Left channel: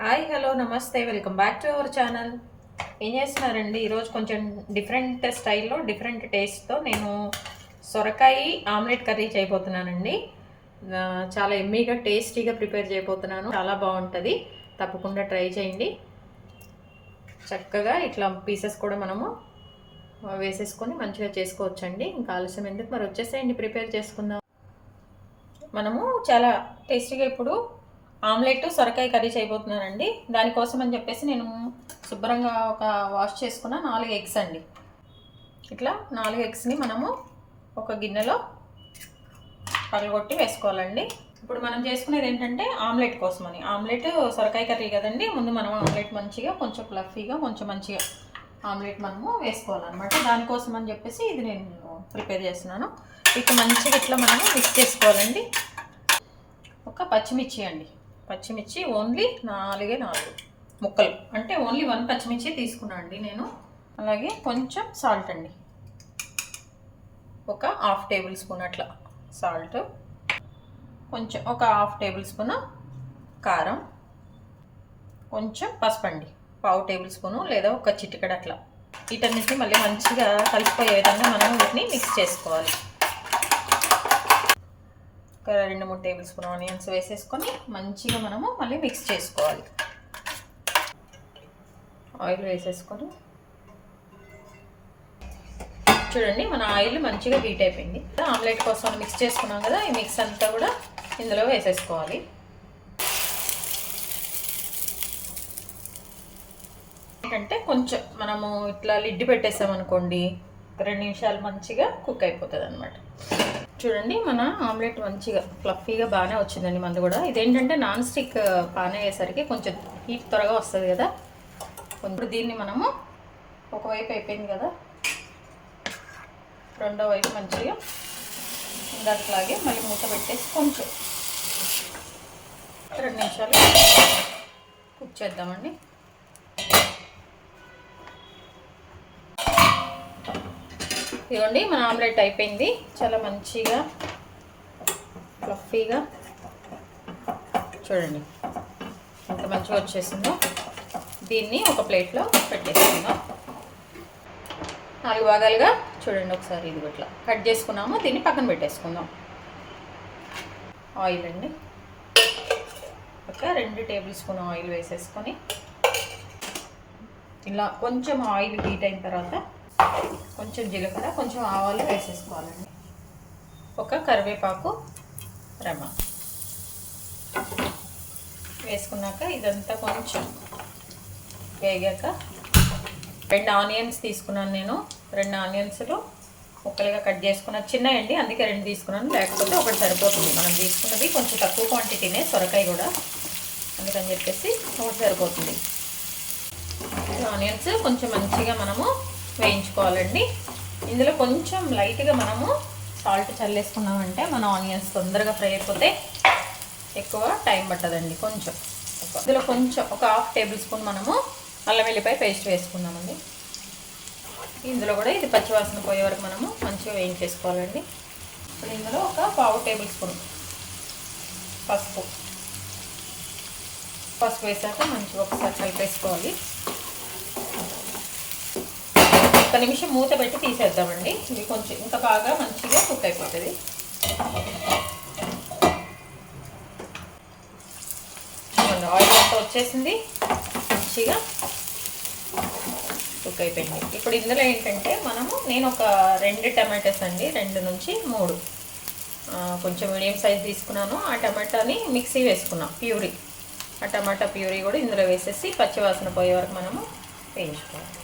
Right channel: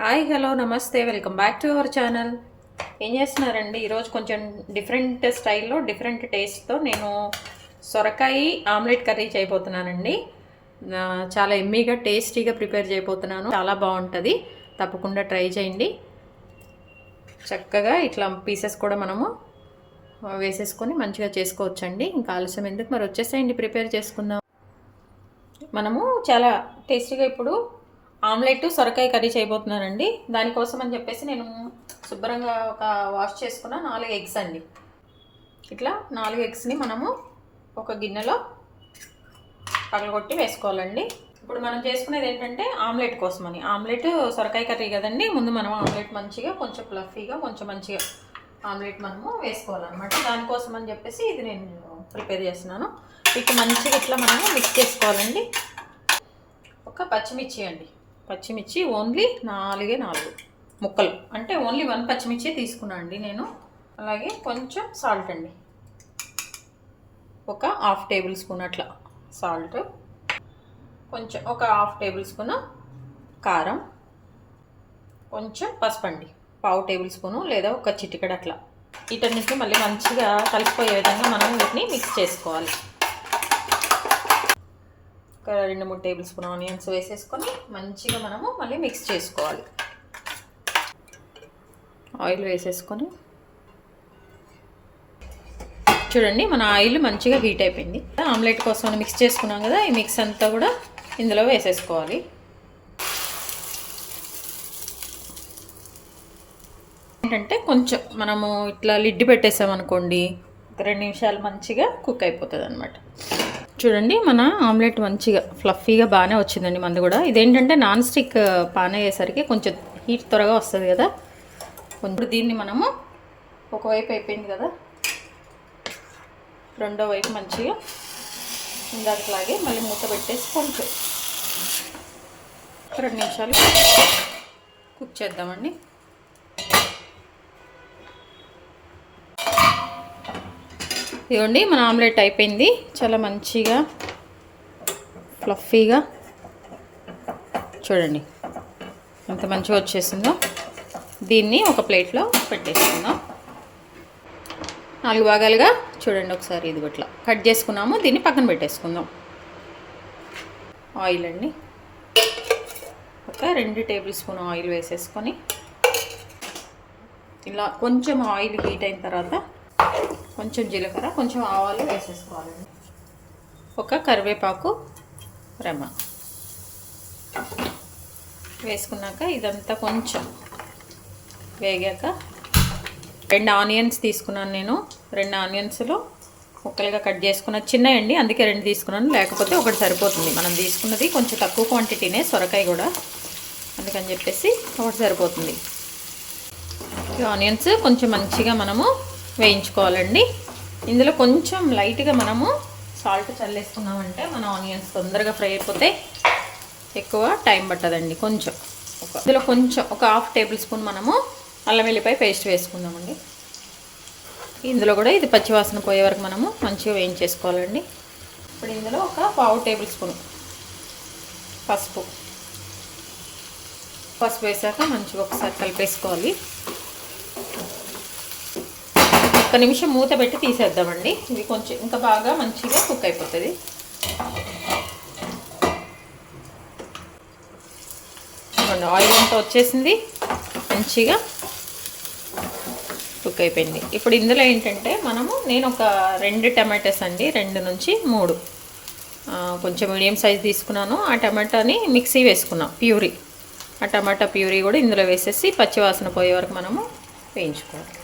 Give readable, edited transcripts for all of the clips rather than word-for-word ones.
Hi hello నమస్తే welcome back to our channel. ఏం చేస్తున్నారండి? ఈరోజు కొంచెం డిఫరెంట్ స్టైల్లో డిఫరెంట్ టేస్ట్తో నేను సొరకాయ ఆమ్లెట్ కర్రీ చేయబోతున్నానండి. చాలా ఎమ్మీగా టేస్టీగా ప్రిపేర్ చేయబోతున్నాను. చాలా బాగుంటుంది, తప్పకుండా ట్రై చేయండి. చక్కగా ఇట్లా పీసెస్ కూడా మనము వేసేసుకొని మంచిగా చేసుకోవచ్చండి. ఇంకా ఆలస్యం ఎందుకు, మరి వచ్చేసేయండి, ప్రిపేర్ చేసుకుందాం. మనము చాలా టేస్టీగా ఇప్పుడు ఆమ్లెట్ సొరకాయ కర్రీ చేయబోతున్నానండి. దానికోసం అని చెప్పేసి నేను శుభ్రంగా ఒక వాష్ చేసుకున్న 4 ఎగ్స్ అండి. ఇట్లా 4 ఎగ్స్ని మనము ఒక గిన్నెలో పగలగొట్టి వేసుకోవాలండి. ఇప్పుడు మనం చేసుకునేది ఏంటంటే ఆమ్లెట్ కోసమని. ఆమ్లెట్ సొరకాయ కర్రీ కదండి. ముందు మనం ఆమ్లెట్ మంచిగా కొంచెం ఫ్లఫీగా కొంచెం మంచిగా ఆమ్లెట్ మనము వేసుకోవాలన్నమాట. దానికోసం అని చెప్పేసి ఇది నేను ప్రిపేర్ చేస్తున్నాను. ఇక మంచిగా ఇట్లా మనము మిక్స్ చేసుకోవాలండి. ఒక పచ్చిమిర్చి అండి, పచ్చిమిర్చి ఓన్లీ 4 ముక్కలు, అంటే ఓన్లీ 1 పచ్చిమిర్చి తీసుకున్నాను అండి నేను. అలాగే కొంచెం సాల్ట్ అండి, ఒక ½ టేబుల్ స్పూన్ అట్లా సాల్ట్, కొంచెం ఒక ½ టేబుల్ స్పూన్ కారం, కొంచెం పసుపు అండి, ½ టేబుల్ స్పూను లేదా ఒక చిటికెడు అట్లా. వీటన్నిటిని మళ్ళీ మంచిగా కలిసిపోయే విధంగా మనం వీటిని మిక్స్ చేసుకోవాలి. 2-3 టేబుల్ స్పూన్ ఆనియన్స్ వేసేసుకొని మంచిగా మనము మళ్ళీ మిక్స్ చేసుకోవాలి. ఆయిల్ వేసేసుకొని చూడండి, మన ఆయిల్ మంచిగా హీట్ అయిపోయింది. ఆమ్లెట్ కోసం మిక్స్ చేసుకున్నాం కదా, ఈ మిక్స్ అంతా కూడా ఇందులో వేసేసుకోవాలి. ఏంటంటే కొంచెం మనము ఇట్లా లిడ్ పెట్టేసామనుకోండి, 2 నిమిషాలు మంచిగా కుక్ అయిపోతుంది అన్నమాట. చూడండి, మన ఆమ్లెట్ మంచిగా ఫ్లఫీగా బాగానే వచ్చిందండి. మంది కూడా ఇదేంటంటే నాన్ స్టిక్ పాన్ అయ్యేసరికి కొంచెం హీట్ త్వరగా వస్తుంది కదా. కొంచెం దీన్ని మనము ఒకవైపు అయిపోయింది కదా, రెండో వైపు మంచిగా ఇందాకలాగే మళ్ళీ మూత పెట్టేసి కొంచెం 2 నిమిషాలు కుక్ చేద్దామండి. ఇదిగోండి, మన ఆమ్లెట్ అయిపోయింది. చాలా మంచిగా ఫ్లఫీగా చూడండి ఎంత మంచిగా వచ్చేసిందో. దీన్ని ఒక ప్లేట్లో పెట్టేసుకుందాం. 4 భాగాలుగా చూడండి ఒకసారి. ఇది ఇట్లా కట్ చేసుకున్నాము. దీన్ని పక్కన పెట్టేసుకుందాం. ఆయిల్ అండి, ఒక 2 టేబుల్ స్పూన్ ఆయిల్ వేసేసుకొని ఇలా కొంచెం ఆయిల్ హీట్ అయిన తర్వాత కొంచెం జీలకర్ర, కొంచెం ఆవాలు వేసేసుకోవాలండి. ఒక కరివేపాకు రెమ్మ వేసుకున్నాక ఇదంతా కొంచెం వేగాక 2 ఆనియన్స్ తీసుకున్నాను నేను. 2 ఆనియన్స్లో ముక్కలుగా కట్ చేసుకున్న చిన్నయండి, అందుకే 2 తీసుకున్నాను. లేకపోతే ఒకటి సరిపోతుంది. మనం తీసుకున్నది కొంచెం తక్కువ క్వాంటిటీనే, సొరకాయ కూడా, అందుకని చెప్పేసి ఒకటి సరిపోతుంది. ఆనియన్స్ కొంచెం మంచిగా మనము వేయించుకోవాలండి. ఇందులో కొంచెం లైట్గా మనము సాల్ట్ చల్లేసుకున్నామంటే మన ఆనియన్స్ తొందరగా ఫ్రై అయిపోతే ఎక్కువ టైం పట్టదండి. కొంచెం ఇందులో కొంచెం ఒక ½ టేబుల్ స్పూన్ మనము అల్లం వెల్లిపాయ పేస్ట్ వేసుకున్నామండి. ఇందులో కూడా ఇది పచ్చివాసన పోయే వరకు మనము మంచిగా వేయించేసుకోవాలండి. ఇప్పుడు ఇందులో ఒక ½ టేబుల్ స్పూన్ పసుపు వేసాక మంచిగా ఒకసారి కలిపేసుకోవాలి. 1 నిమిషం మూత పెట్టి తీసేద్దామండి. ఇది కొంచెం ఇంకా బాగా మంచిగా కుక్ అయిపోతుంది. ఆయిల్ అంతా వచ్చేసింది, మంచిగా కుక్ అయిపోయింది. ఇప్పుడు ఇందులో ఏంటంటే నేను ఒక 2 టమాటాస్ అండి, 2 నుంచి 3 కొంచెం మీడియం సైజ్ తీసుకున్నాను. ఆ టమాటాని మిక్సీ వేసుకున్నాం, ప్యూరీ. ఆ టమాటా ప్యూరీ కూడా ఇందులో వేసేసి పచ్చివాసన పోయే వరకు మనము వేయించుకోవాలి.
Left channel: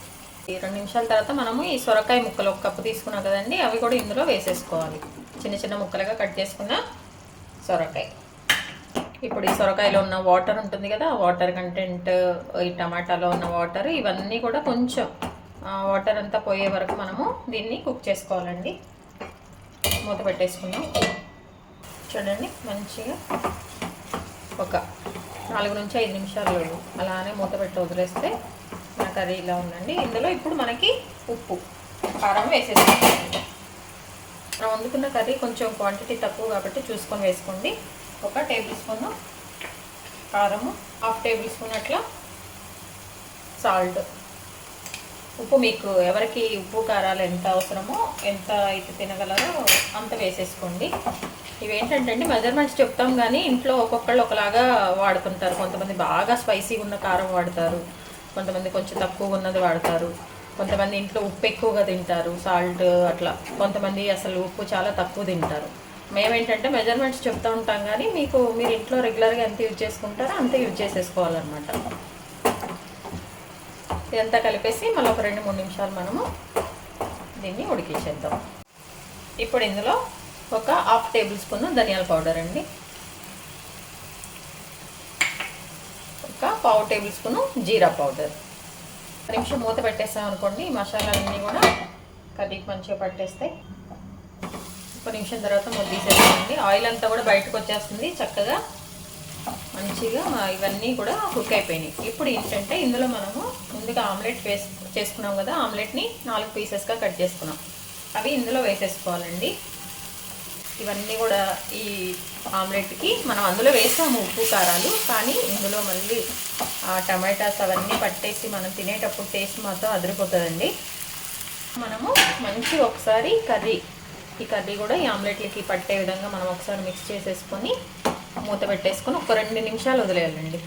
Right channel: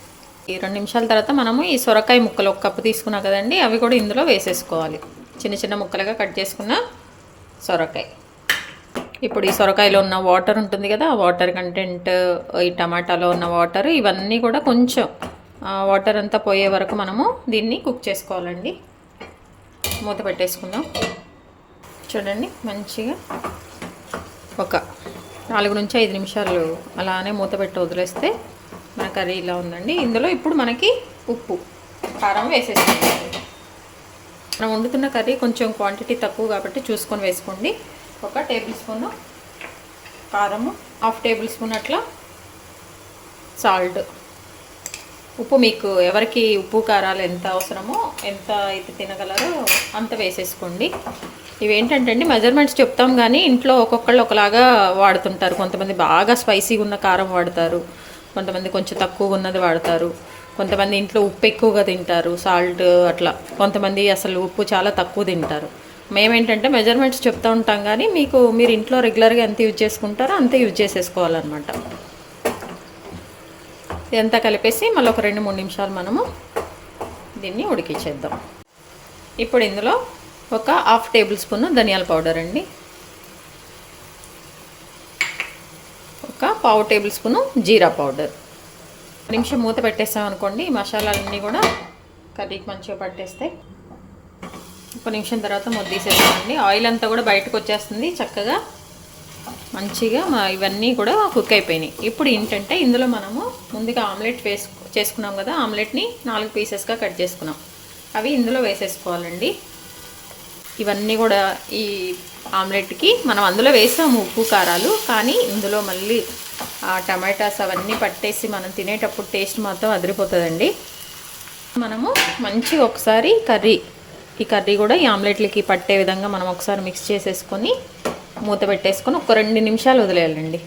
ఈ 2 నిమిషాల తర్వాత మనము ఈ సొరకాయ ముక్కలు 1 కప్పు తీసుకున్నాం కదండి, అవి కూడా ఇందులో వేసేసుకోవాలి. చిన్న చిన్న ముక్కలుగా కట్ చేసుకున్న సొరకాయ. ఇప్పుడు ఈ సొరకాయలో ఉన్న వాటర్ ఉంటుంది కదా, ఆ వాటర్ కంటెంట్, ఈ టమాటాలో ఉన్న వాటర్, ఇవన్నీ కూడా కొంచెం వాటర్ అంతా పోయే వరకు మనము దీన్ని కుక్ చేసుకోవాలండి. మూత పెట్టేసుకుందాం. చూడండి, మంచిగా ఒక 4 నుంచి 5 నిమిషాలు అలానే మూత పెట్టి వదిలేస్తే మన కర్రీ ఇలా ఉందండి. ఇందులో ఇప్పుడు మనకి ఉప్పు, కారం వేసేసుకోండి. మనం వండుతున్న కర్రీ కొంచెం క్వాంటిటీ తక్కువ కాబట్టి చూసుకొని వేసుకోండి. ఒక టేబుల్ స్పూన్ కారము, 1/2 టేబుల్ స్పూన్ అట్లా సాల్ట్. ఉప్పు మీకు ఎవరికి ఉప్పు కారాలు ఎంత అవసరమో, ఎంత అయితే తినగలరో అంత వేసేసుకోండి. ఇవేంటంటే అండి మెజర్మెంట్స్ చెప్తాం కానీ ఇంట్లో ఒక్కొక్కళ్ళు ఒకలాగా వాడుతుంటారు. కొంతమంది బాగా స్పైసీగా ఉన్న కారం వాడతారు, కొంతమంది కొంచెం తక్కువగా ఉన్నది వాడతారు, కొంతమంది ఇంట్లో ఉప్పు ఎక్కువగా తింటారు, సాల్ట్ అట్లా, కొంతమంది అసలు ఉప్పు చాలా తక్కువ తింటారు. మేమేంటంటే మెజర్మెంట్స్ చెప్తూ ఉంటాం కానీ మీరు ఇంట్లో రెగ్యులర్గా ఎంత యూజ్ చేసుకుంటారో అంతే యూజ్ చేసేసుకోవాలన్నమాట. ఇదంతా కలిపేసి మళ్ళీ ఒక 2-3 నిమిషాలు మనము దీన్ని ఉడికించేద్దాం. ఇప్పుడు ఇందులో ఒక 1/2 టేబుల్ స్పూన్ ధనియాల పౌడర్ అండి, ఒక 1/2 టేబుల్ స్పూను జీరా పౌడర్. 1 నిమిషం మూత పెట్టేస్తాం అనుకోండి, ఈ మసాలాలన్నీ కూడా కర్రీకి మంచిగా పట్టేస్తే. 1 నిమిషం తర్వాత మూత తీసేస్తామండి. ఆయిల్ అంతా కూడా బయటకు వచ్చేస్తుంది చక్కగా, మంచిగా ఇవన్నీ కూడా కుక్ అయిపోయినాయి. ఇప్పుడు ఏంటంటే ఇందులో మనము ముందుగా ఆమ్లెట్ చేసుకున్నాం కదా, ఆమ్లెట్ని 4 పీసెస్గా కట్ చేసుకున్నాం, అవి ఇందులో వేసేసుకోవాలండి. ఇవన్నీ కూడా ఈ ఆమ్లెట్కి మనం అందులో వేసాము ఉప్పు కారాలు, కానీ ఇందులో మళ్ళీ టమాటాస్ అవన్నీ పట్టేసి మనం తినేటప్పుడు టేస్ట్ మాత్రం అదిరిపోతుందండి. మనము మంచిగా ఒకసారి ఈ కర్రీ కూడా ఈ ఆమ్లెట్లకి పట్టే విధంగా మనం ఒకసారి మిక్స్ చేసేసుకొని మూత పెట్టేసుకొని ఒక 2 నిమిషాలు వదిలేయాలండి.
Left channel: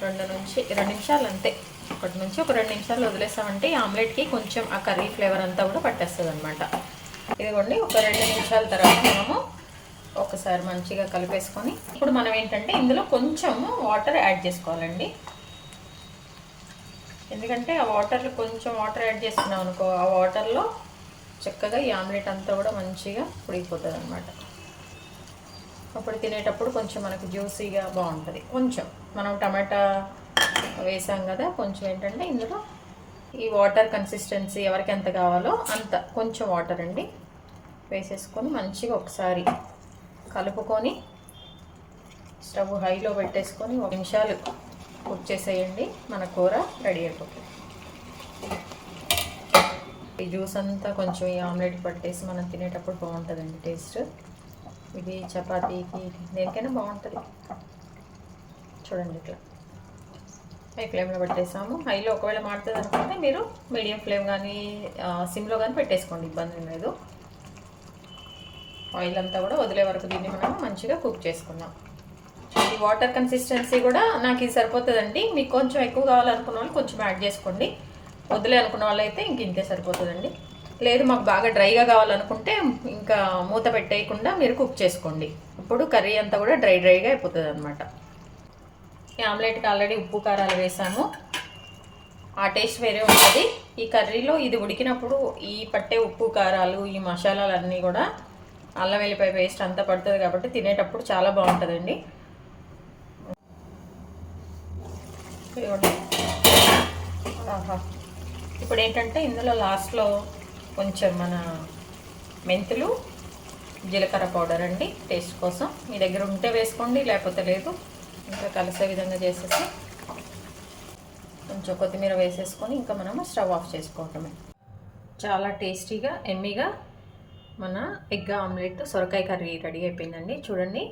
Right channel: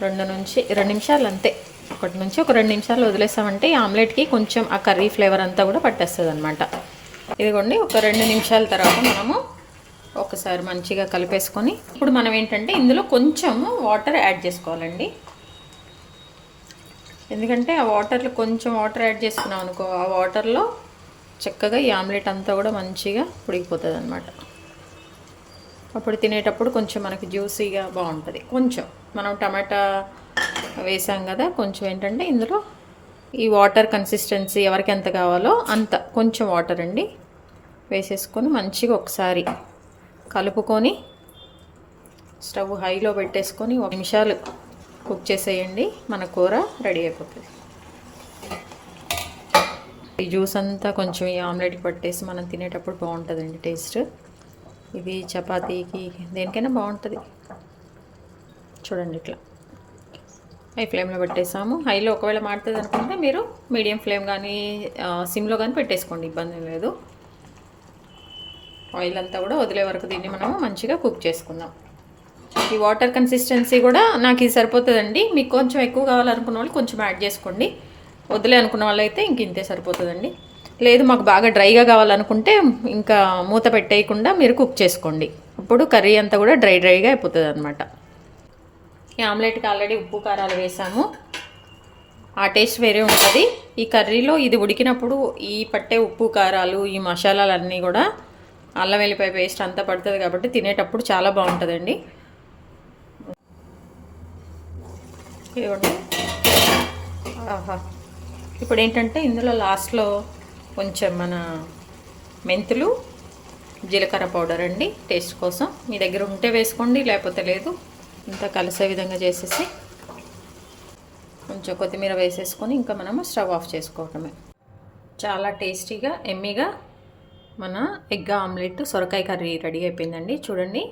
2 నిమిషాలు అంతే, 1 నుంచి ఒక 2 నిమిషాలు వదిలేసామంటే ఈ ఆమ్లెట్కి కొంచెం ఆ కర్రీ ఫ్లేవర్ అంతా కూడా పట్టేస్తుంది అనమాట. ఇదిగోండి, ఒక 2 నిమిషాల తర్వాత మనము ఒకసారి మంచిగా కలిపేసుకొని ఇప్పుడు మనం ఏంటంటే ఇందులో కొంచెము వాటర్ యాడ్ చేసుకోవాలండి. ఎందుకంటే ఆ వాటర్లో కొంచెం వాటర్ యాడ్ చేసుకున్నాం అనుకో, ఆ వాటర్లో చక్కగా ఈ ఆమ్లెట్ అంతా కూడా మంచిగా ఉడికిపోతుంది అనమాట. అప్పుడు తినేటప్పుడు కొంచెం మనకి జ్యూసీగా బాగుంటుంది. కొంచెం మనం టమాటా వేసాం కదా, కొంచెం ఏంటంటే ఇందులో ఈ వాటర్ కన్సిస్టెన్సీ ఎవరికి ఎంత కావాలో అంత కొంచెం వాటర్ అండి వేసేసుకొని మంచిగా ఒకసారి కలుపుకొని స్టవ్ హైలో పెట్టేసుకొని 1 నిమిషాలు కుక్ చేసేయండి. మన కూర రెడీ అయిపోతుంది. ఈ జ్యూస్ అంతా కొంచెం ఈ ఆమ్లెట్కి పట్టేసి మనం తినేటప్పుడు బాగుంటుందండి టేస్ట్. ఇది చపాతీకి దేనికైనా బాగుంటుంది. చూడండి, ఇట్లా హై ఫ్లేమ్లో పెట్టేసాము. హైలో ఒకవేళ మాడుతుంది అనుకుంటే మీరు మీడియం ఫ్లేమ్ కానీ సిమ్లో కానీ పెట్టేసుకోండి, ఇబ్బంది లేదు. ఆయిల్ అంతా కూడా వదిలే వరకు దీన్ని మనం మంచిగా కుక్ చేసుకుందాం. ఈ వాటర్ కన్సిస్టెన్సీ కూడా నాకు ఇది సరిపోతుందండి. మీకు కొంచెం ఎక్కువ కావాలనుకున్న వాళ్ళు కొంచెం యాడ్ చేసుకోండి, వదిలే అనుకున్న వాళ్ళు అయితే ఇంక ఇంతే సరిపోతుందండి. లేదు మాకు బాగా డ్రైగా కావాలనుకుంటే ఇంకా మూత పెట్టేయకుండా మీరు కుక్ చేసుకోండి. ఇప్పుడు కర్రీ అంతా కూడా డ్రైగా అయిపోతుంది అనమాట. ఈ ఆమ్లెట్కి ఆల్రెడీ ఉప్పు కారాలు వేసాము, ఆ టేస్ట్ వేరే ఉంటుంది. ఈ కర్రీలో ఇది ఉడికినప్పుడు ఈ పట్టే ఉప్పు కారాలు ఈ మసాలాలన్నీ కూడా అల్లం వెల్లిపాయ పేస్ట్ అంతా పడుతుంది కాబట్టి తినేటప్పుడు చాలా బాగుంటుందండి. ఆహా, ఇప్పుడు ఏంటంటే ఇందులో లాస్ట్లో కొంచెం మన మెంతులు జీలకర్ర పౌడర్ అండి, టేస్ట్ కోసం. మీ దగ్గర ఉంటే వేసుకోండి, లేకపోతే లేదు. ఇంత కలిసే విధంగా చేసేసి కొంచెం కొత్తిమీర వేసేసుకొని ఇంకా మనము స్టవ్ ఆఫ్ చేసుకోవటమే. చాలా టేస్టీగా ఎమ్మీగా మన ఎగ్ ఆమ్లెట్ సొరకాయ కర్రీ రెడీ అయిపోయిందండి. చూడండి,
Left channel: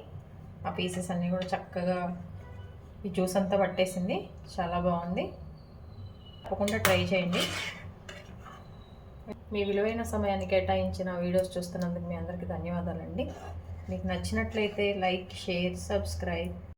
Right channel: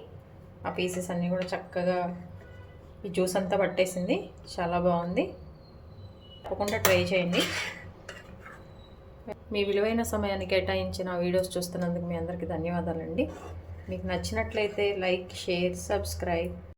ఆ పీసెస్ అన్నీ కూడా చక్కగా ఈ జ్యూస్ అంతా పట్టేసింది, చాలా బాగుంది. తప్పకుండా ట్రై చేయండి. మీ విలువైన సమయాన్ని కేటాయించిన వీడియోస్ చూస్తున్నందుకు మీ అందరికీ ధన్యవాదాలండి. మీకు నచ్చినట్లయితే లైక్, షేర్, సబ్స్క్రైబ్.